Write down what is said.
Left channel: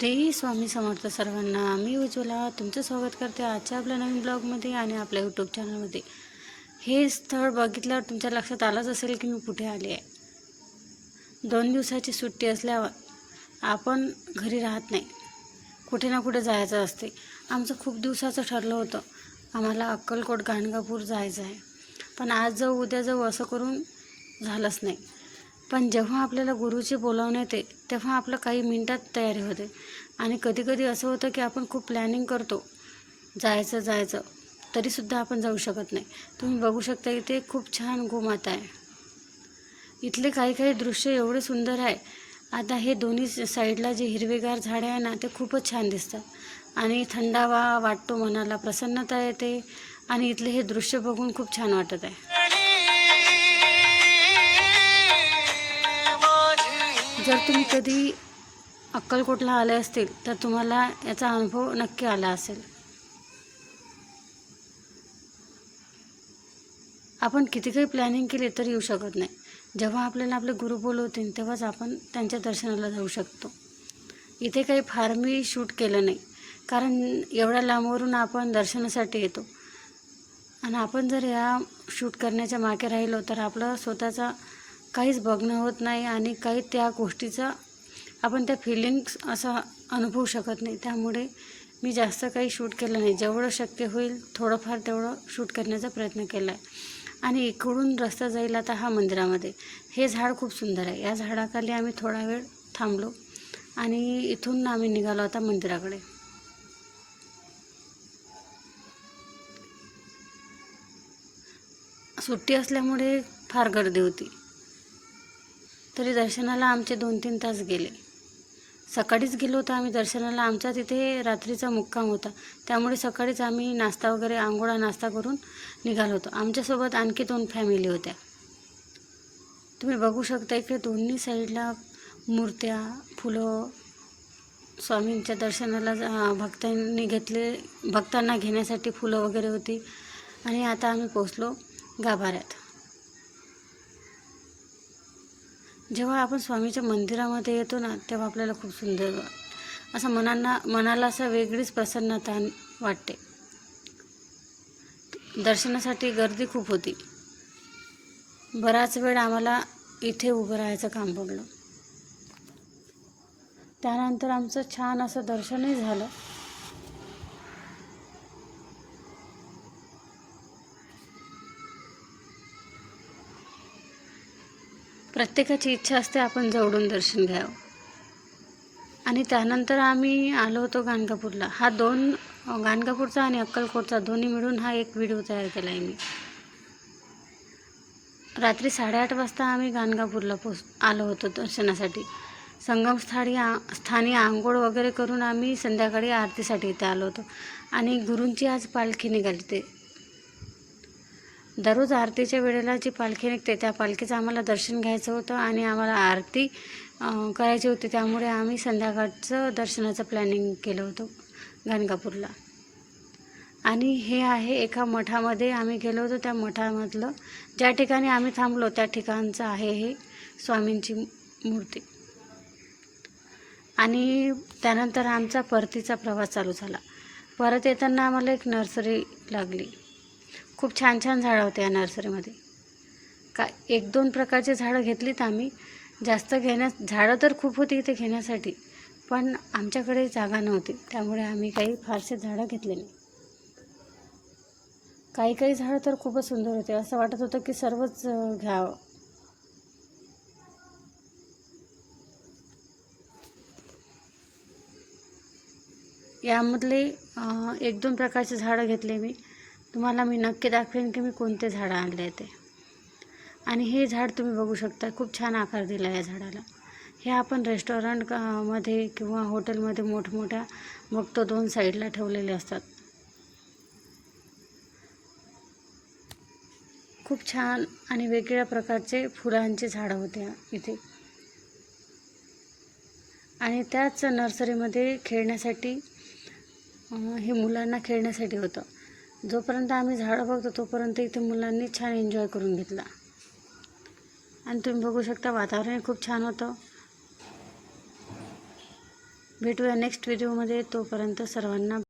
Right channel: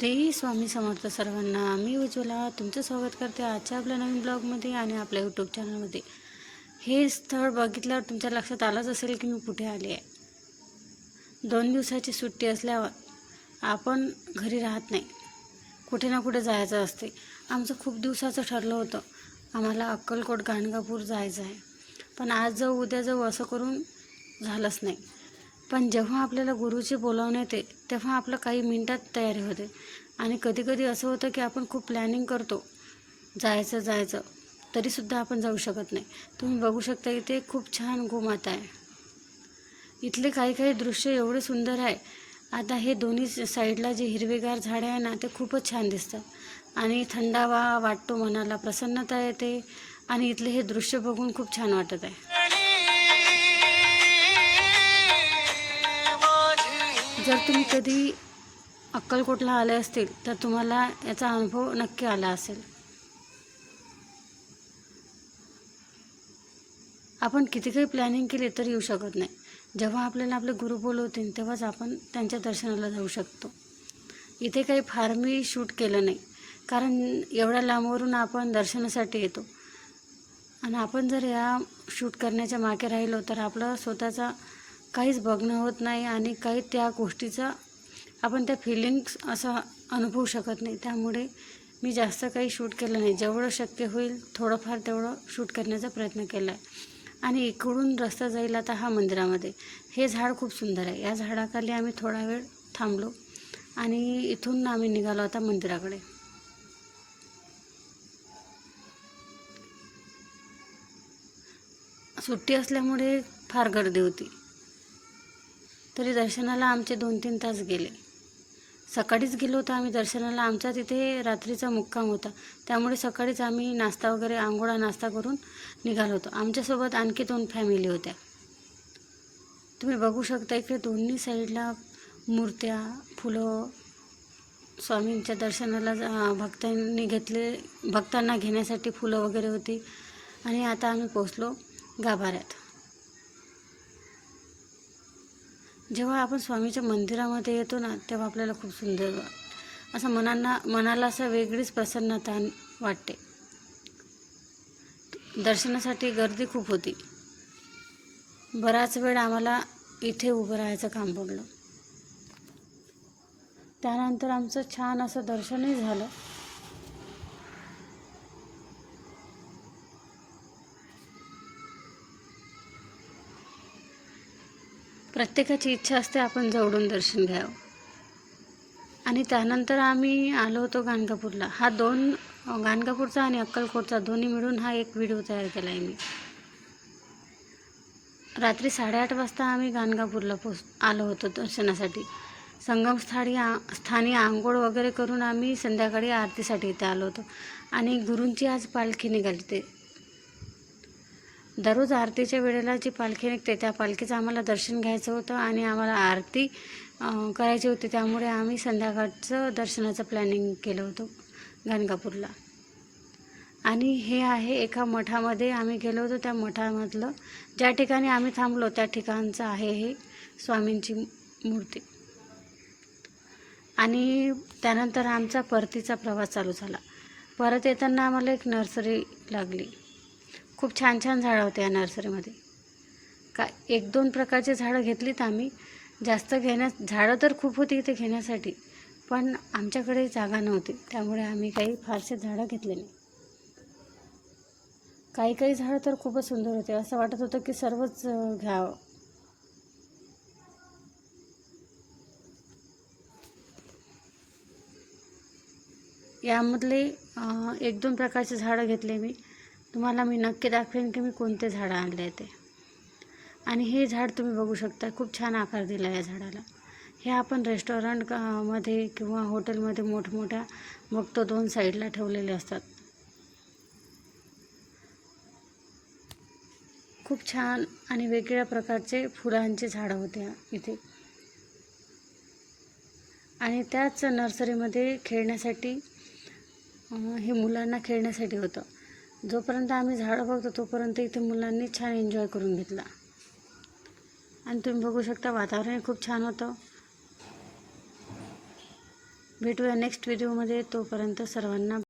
श्री स्वामी समर्थ सर्वांना. मी उज्ज्वला तुमचं स्वागत करते आजच्या आपल्या नवीन ब्लॉगमध्ये आणि आपल्या यूट्यूब चॅनलमध्ये. हे स्थळ बघितल्यावर तुमच्या लक्षात आलंच असेल की मी कुठे आली आहे. 2 दिवसाची सुट्टी असल्यावर आपण घरी राहत नाही, कुठे ना कुठे जायचं असते. आमचं खूप दिवसाचं ठरलं होतं, आम्हाला अक्कलकोट गाणगापूर जायचं आहे. पण आज जाऊ उद्या जाऊ असं करून झालंच नाही. पण जेव्हा आपल्याला गुरुची बोलावण्यात येते तेव्हा आपलं काही मिनिटात तयारी होते. आणि कधी कधी असं होतं की आपण खूप प्लॅनिंग करतो जायचं तरीसुद्धा आपण जाऊ शकत नाही. तुम्ही बघू शकता इथे खूप छान गोमाता आहे. इथले काही दृश्य एवढे सुंदर आहे. आता हे दोन्ही साईडला जे हिरवेगार झाडे आहे ना, ते खूपच छान दिसतात आणि थंडावा वाटतो, मनाला प्रसन्नता येते आणि इथले हे दृश्य बघून खूप छान वाटत आहे. जर तुम्ही कधी अक्कलकोटला आले असतील तर तुम्हाला याचा अनुभव नक्की आला असेल. आपण किती काही प्लॅनिंग केली तर येऊ शकत नाही. जेव्हा आपल्याला आपले गुरु बोलवतील तेव्हाच आपण त्यांच्या दर्शनाला जाऊ शकतो. इथे काही फार मी शूट केलं नाही, कारण एवढ्या लांबवरून आपण दर्शनासाठी येतो आणि आपण जर या शूट करण्याच्या मागे राहिलो तर आपलं स्वतःचा काहीच बघणं होत नाही आणि काही त्या गोष्टीचा आपण त्या फिलिंग्स असा अनुभवू शकत नाही. त्यामुळे मी जास्त काही शूट केलं नाही. जेवढं शक्य होईल थोडंफार तेवढं शूट करण्याचा प्रयत्न केला आहे. आणि इकडून रस्ता जाईल आता हा मंदिरामध्ये. हे झाड खूप सुंदर आहे. या झाडाखाली आम्ही थोडा वेळ थांबलो आणि इथून आम्ही निघालो आता मंदिराकडे. सुट्टी असल्यामुळे फार गर्दी होती, तरी दर्शनाला आमचे 2-3 तास गेले. सकाळीच गेलो होतो आम्ही दर्शनाला. आमचा तिथे रात्रीचा मुक्काम होता, त्यामुळे सकाळीच आम्ही नाश्ता वगैरे आंघोळा नाश्ता करून निघालो होतो. आमच्यासोबत आणखी 2 फॅमिली होत्या. तुम्ही बघू शकता की दोन्ही साईडला मूर्त्या, फुलं, स्वामींच्या दर्शनाला भक्तांना घेण्यासाठी फुलं वगैरे होती. आणि आता आम्ही पोचलो गाभाऱ्यात. जेव्हा आपण स्वामीच्या मंदिरामध्ये येतो ना, तेव्हा आपल्याला खूप सुंदर असं मनाला असं वेगळीच प्रसन्नता वाटते. दर्शनासाठी गर्दी खूप होती. बराच वेळ आम्हाला इथे उभं राहायचं काम पडलं. त्यानंतर आमचं छान असं दर्शनही झालं. प्रत्येकाची इच्छा असते आपण जवळून दर्शन घ्यावं. आणि त्यानंतर आम्ही आलो होतो गाणगापूरला. हा गाणगापूरचा आणि अक्कलकोटचा दोन्ही मिळून हा एक व्हिडिओ तयार केला आहे मी. रात्री 8:30 वाजता आम्ही गाणगापूरला आलो होतो दर्शनासाठी. स्थानी आंघोळ वगैरे करून आम्ही संध्याकाळी आरतीसाठी इथे आलो होतो. आणि गुरूंची आज पालखी निघाली. ते दररोज आरतीच्या वेळेला जी पालखी निघते त्या पालखीचं आम्हाला दर्शन घ्यायचं होतं आणि आम्हाला आरती करायची होती. त्यामुळे आम्ही संध्याकाळचं दर्शनाचं प्लॅनिंग केलं होतं गाणगापूरला. आणि हे आहे एका मठामध्ये आम्ही गेलो होतो. त्या मठामधलं ज्या ठिकाणी आम्ही थांबलो त्या ठिकाणचं आहे हे स्वामींची मूर्ती. आणि त्यानंतर आमचा परतीचा प्रवास चालू झाला. परत येताना आम्हाला एक नर्सरी लागली. खूप छान झाडं होते या नर्सरीमध्ये. 1-2 प्रकारची झाडं घेतलीत आम्ही. जास्त झाडं तर खूप होती इथे घेण्यासाठी, पण आमच्याकडे जागा नव्हती, त्यामुळे आम्ही काही फारसे झाडं घेतले नाही. काही झाडं तर खूपच सुंदर होते. असं वाटत होतं की सर्वच घ्यावं. यामधले 1-2 प्रकारचे झाडं घेतले मी. तुम्हाला मी नक्की दाखवेन की मी कोणते झाडं आणले ते. आणि हे झाड तुम्ही बघू शकता, खूप छान आकार दिला या झाडाला. हे आपण रेस्टॉरंट मध्ये किंवा हॉटेलमध्ये मोठमोठ्या बघतो 2 साईडला ठेवलेले असतात. खूप छान आणि वेगवेगळ्या प्रकारचे फुलांची झाडं होते इथे. आणि त्याच नर्सरीमध्ये खेळण्यासाठी हे मुलांना खेळण्यासाठी होतं. जोपर्यंत आम्ही झाडं बघतो तोपर्यंत इथे मुलांनी छान एन्जॉय करून घेतला. आणि तुम्ही बघू शकता वातावरण खूप छान होतं. भेटूया नेक्स्ट व्हिडिओमध्ये. तोपर्यंत सर्वांना